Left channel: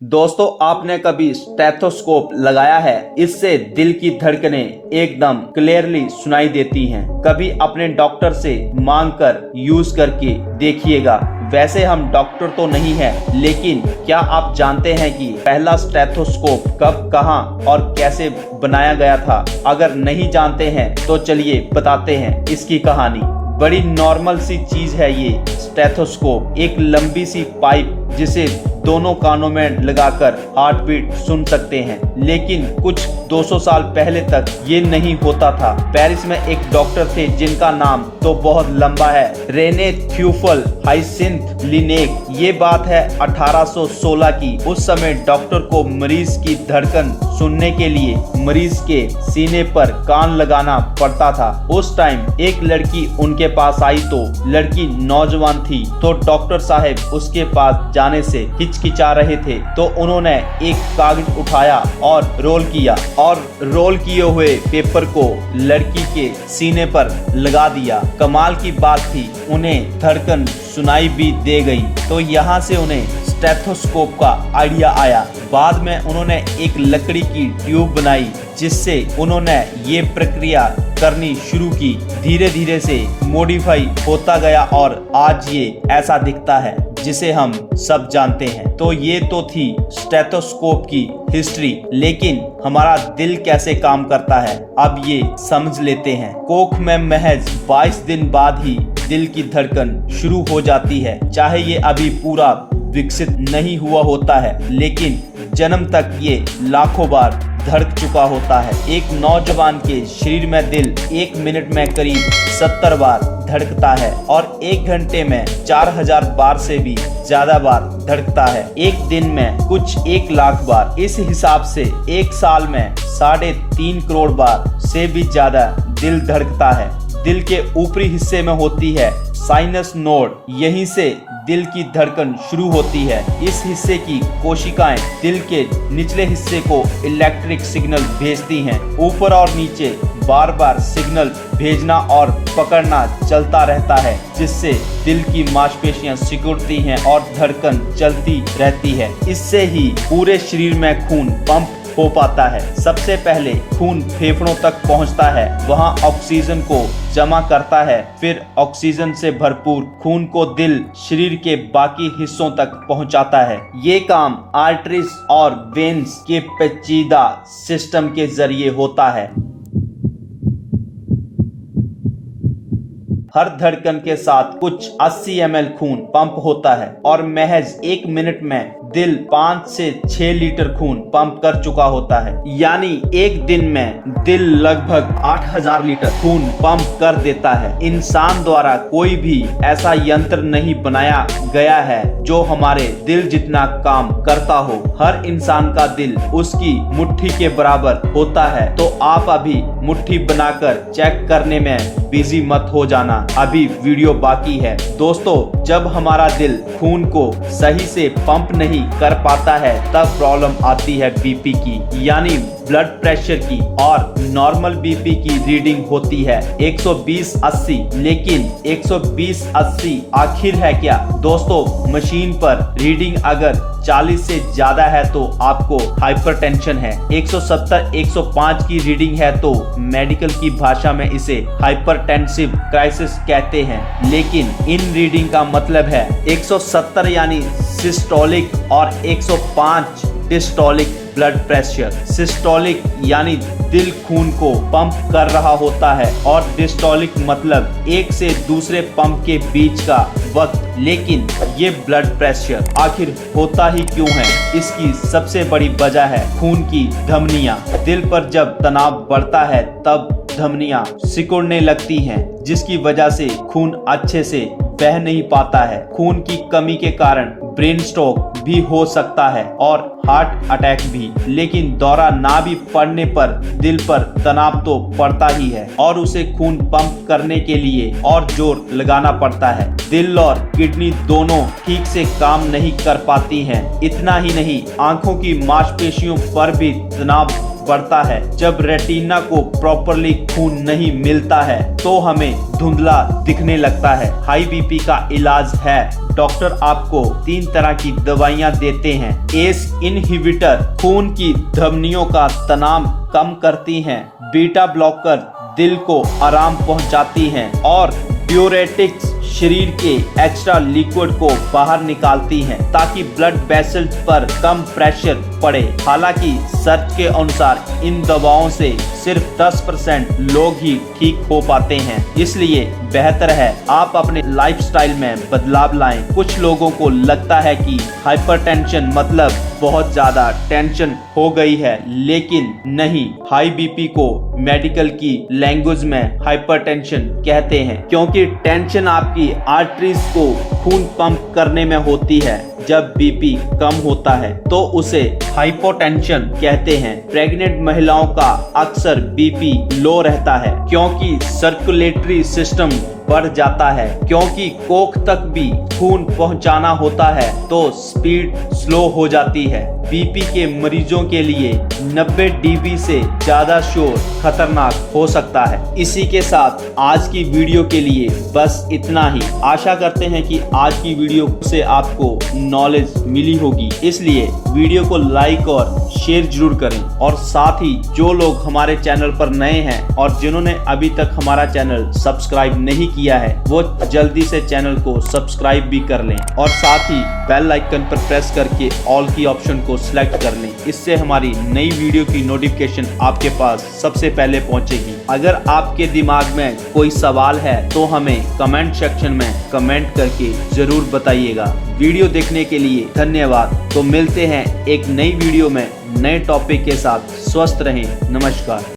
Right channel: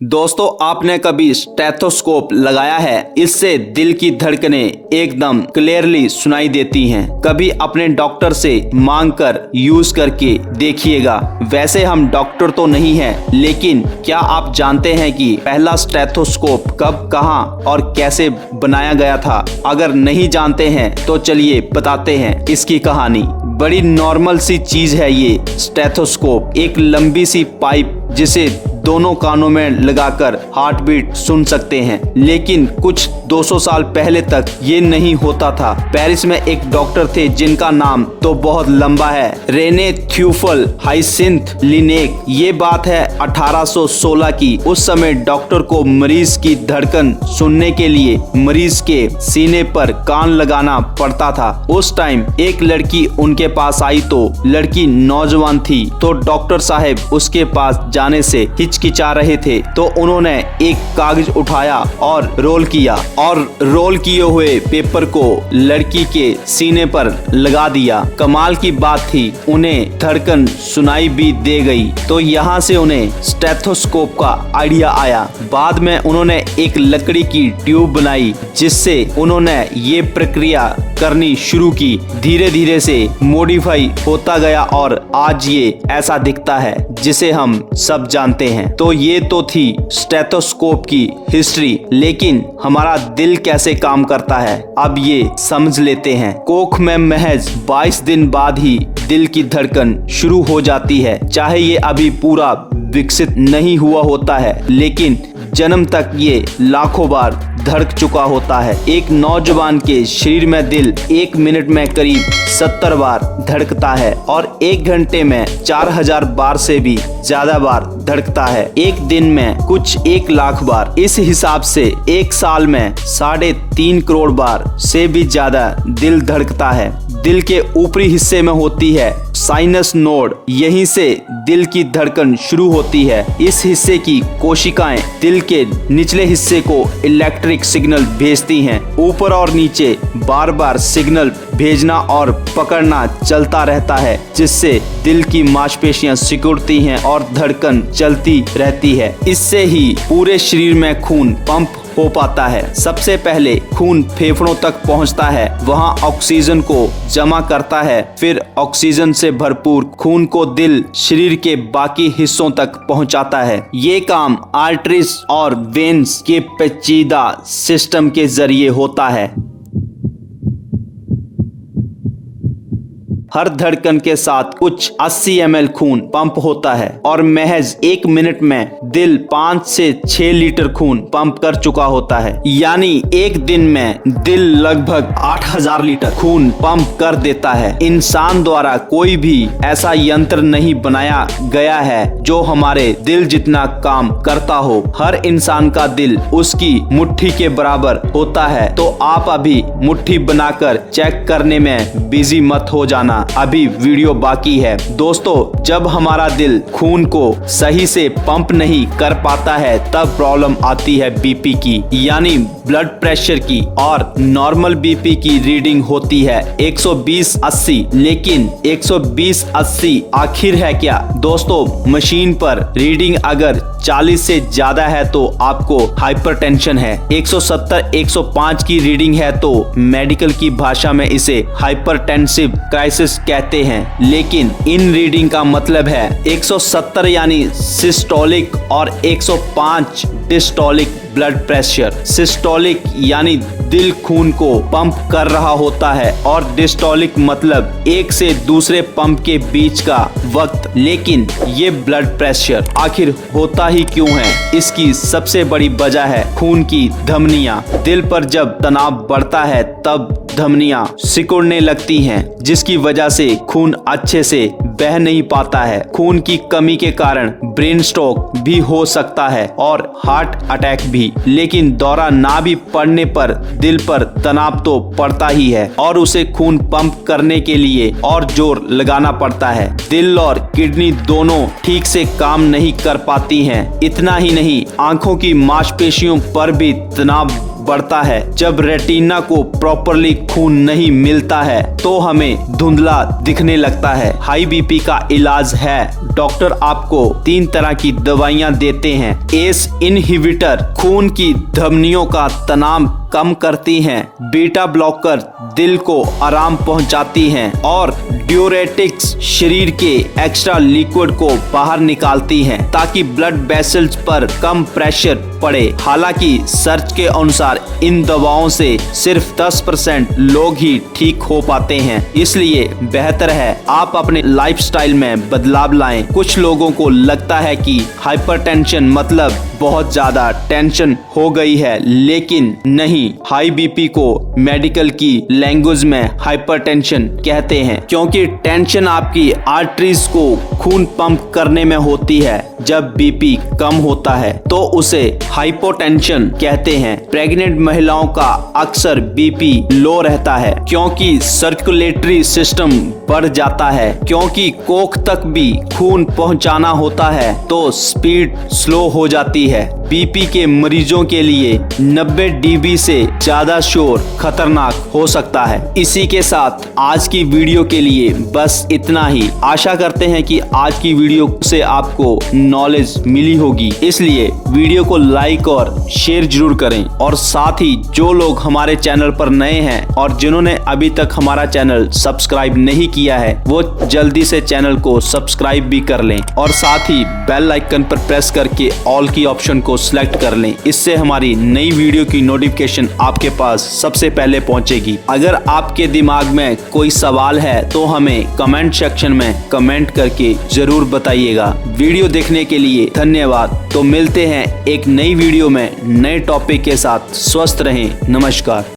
दोस्तों, आपने कभी स्टेथोस्कोप लगाया है? इससे दिल की धड़कनें एकदम क्लियरली सुनाई देती हैं। कभी अपने डॉक्टर से मांग कर यूज करके देखिएगा। वैसे हम डॉक्टर तो नहीं हैं, लेकिन क्या आप जानते हैं कि पहला स्टेथोस्कोप कब, कहां और कैसे बनाया गया था? अगर नहीं जानते हैं तो चलिए बताते हैं इसकी कहानी। बड़ी नॉर्मल सी चीज है ये स्टेथोस्कोप, एक लंबी सी पाइप जिसे दोनों कानों में लगाकर हार्ट बीट सुन सकते हैं। लेकिन कुछ 200 साल पहले तक ये नहीं होता था। पेरिस में एक डॉक्टर थे जिनका नाम तो बहुत लंबा है, रेने थ्यूफल हाइसिंथ लिनेक। ये बात है 1816 की। उस समय डॉक्टर को मरीज की धड़कन सुनने के लिए मरीज के सीने पर कान लगाना पड़ता था। उस टाइम एक लड़की उनके पास आई तो लड़की नौजवान थी, तो डॉक्टर साहब उसके पास जाने से हिचकिचा रहे थे। तो उन्होंने एक कागज उठाया और रोल किया और रोल किए हुए पेपर को लड़की के सीने पर लगा दिया। कमाल की बात थी, उन्हें धड़कन सुनाई भी दे गई। तो यहाँ से उन्हें स्टेथोस्कोप का आइडिया आया। बाद में उन्होंने एक लकड़ी की ट्यूब बनाई, जिससे उन्होंने ये प्रक्रिया करनी शुरू की। धीरे धीरे से मॉडिफाई होता गया और आज ये ऐसा दिखता है जिसे हम सब जानते हैं। तो ये तो थी स्टेथोस्कोप की हिस्ट्री, लेकिन हमारा दिल कैसे काम करता है अब ये समझ लेते हैं। कोख में महज 22 दिन बाद ही दिल की धड़कन शुरू हो जाती है। चाहे ये अभी पूरा विकसित नहीं हुआ होता है, लेकिन जन्म तक ये लाखों बार धड़क चुका होता है। एक नौजवान के शरीर में दिल 1 मिनट में करीब 70 बार धड़कता है और 1 घंटे में 4000 बार से भी ज्यादा बार धड़कता है। एक दिन में कुछ 1 लाख बार। इस हिसाब से एक साल में 3.5 करोड़ बार से भी ज्यादा दिल धड़कता है। दिल के ऊपरी हिस्से में होती है साइनस नोड, यहीं से दिल की धड़कन शुरू होती है। इस हिस्से की कोशिकाएं दिल के निचले हिस्से को इलेक्ट्रिक सिग्नल भेजती हैं। ऊपर और नीचे बार बार सिग्नल भेजना और पकड़ना चलता रहता है, जिससे दिल की मांसपेशियां सिकुड़ती हैं और धड़कन चलती रहती है। इससे ही पूरे शरीर में खून पंप हो पाता है। सबसे पहले खून फेफड़ों तक पहुंचता है, वहां ऑक्सीजन को जमा करता है। फिर ऑक्सीजन से भरपूर खून को दिल शरीर के बाकी हिस्सों तक पहुंचाता है। ये काम आर्टरीज और वेन्स के पेचीदा सिस्टम के जरिए होता है। हर धड़कन के साथ कुछ 80 ml खून पंप होता है और महज 1 मिनट में दिल 5 से 6 लीटर खून पंप कर चुका होता है। यानी एक दिन में दिल लगभग 8000 लीटर खून पंप कर देता है। इंसान द्वारा कोई भी ऐसा यंत्र नहीं बनाया गया है जो हमारे दिल जितना काम करता हो। हर इंसान का दिल उसकी मुट्ठी के बराबर होता है। तो आप अभी मुट्ठी बनाकर चेक करने में बिजी मत हो जाना, अभी वीडियो बाकी है। दोस्तों, जब हमारा दिल खून को सही से पंप नहीं कर पाता है, तब प्रॉब्लम आती है बीपी की, यानी ब्लड प्रेशर की। और नॉर्मल बीपी की रीडिंग होती है 120/80। लेकिन 120/80 आखिर है क्या? दोस्तों, मशीन पर रीडिंग अगर 40 से ज्यादा है तो आपको हाइपरटेंशन है। 170-105 की रीडिंग है तो मेडिकल की भाषा में इसे हाइपरटेंसिव क्राइसिस कहते हैं। लेकिन इन रीडिंग का मतलब है 170 यानी सिस्टोलिक और 105 डिस्टोलिक ब्लड प्रेशर। सिस्टोलिक यानी दिल खून को पंप कर रहा होता है और डिस्टोलिक मतलब एक से दूसरे पंप के बीच का वक्त। लेकिन ये ब्लड प्रेशर आखिर होता ही क्यों है? इसकी सबसे बड़ी वजह है खून की धमनियां। दिल पर जब तनाव बढ़ता है तब धमनियां सिकुड़ने लगती हैं, जिसकी वजह से खून अच्छे से बह नहीं पाता है। खून की कमी के कारण ब्रेन स्ट्रोक भी हो सकता है और हार्ट अटैक भी। लेकिन दौरा ना भी पड़ने पर दिल पर तनाव तो पड़ता ही है और उसे खून पंप करने के लिए और जोर लगाना पड़ता है। दिल और किडनी दोनों ठीक से काम नहीं कर पाती हैं। इतना ही नहीं, आंखों की मांसपेशियों पर भी तनाव बढ़ता है। जब रेटिना को प्रॉपरली खून नहीं मिलता है तो हमें धुंधला दिखने लगता है। हाई बीपी का इलाज है, डॉक्टर आपको 3 तरह की दवाइयां देते हैं। एस इनहिबिटर खून की धमनियों का तनाव कम करती हैं, बीटा ब्लॉकर दिल को आराम पहुंचाती हैं और ड्यूरेटिक्स शरीर के एक्स्ट्रा लिक्विड को बाहर निकालती हैं ताकि ब्लड वेसल्स पर कम प्रेशर पड़े। हालांकि सर्च के अनुसार इन दवाओं से सिर्फ 10% लोग ही ठीक हो पाते हैं, इसलिए बेहतर है आप अपने लाइफस्टाइल में बदलाव लाएं। कुछ लोगों को लगता है कि हाइपरटेंशन मतलब बहुत ज्यादा टेंशन हो गई है, लेकिन नहीं। हाई बीपी को मेडिकल की लैंग्वेज में हाइपरटेंशन कहते हैं क्योंकि टेंशन आपकी आर्टरीज को खून पंप करने में होती है। जब बीपी कम होता है तो उसे हाइपोटेंशन कहते हैं। प्रेग्नेंट महिलाओं का अक्सर बीपी लो रहता है क्योंकि सर्कुलेटरी सिस्टम बढ़ जाता है। क्योंकि कोख तक भी खून पहुंचाना होता है तो स्पीड स्लो हो जाती है। बीपी के मरीजों के लिए 90 डीबी से ज्यादा शोर खतरनाक हो सकता है। इसी के साथ आज की वीडियो के लिए बस इतना ही। आशा करते हैं कि आज की वीडियो से आपको नॉलेज मिली होगी, इसलिए वीडियो को लाइक और शेयर जरूर करें। और साथ ही जो लोग हमारे चैनल पर नए हैं और जिन्होंने अभी तक हमारा चैनल सब्सक्राइब नहीं किया है वो जल्दी से चैनल को सब्सक्राइब भी कर लें और साथ ही बेल आइकन पर प्रेस करके ऑल की ऑप्शन को सिलेक्ट कर लें। इससे हमारी नई वीडियो की नोटिफिकेशन आपके पास सबसे पहले पहुंचेगी। अगर आपके दिमाग में कोई सवाल है तो हमें कमेंट सेक्शन में कमेंट करके जरूर बताइएगा। वीडियो देखने के लिए धन्यवाद। तो मिलते हैं एक नई वीडियो में नए टॉपिक के साथ। स्वस्थ रहें। नमस्कार।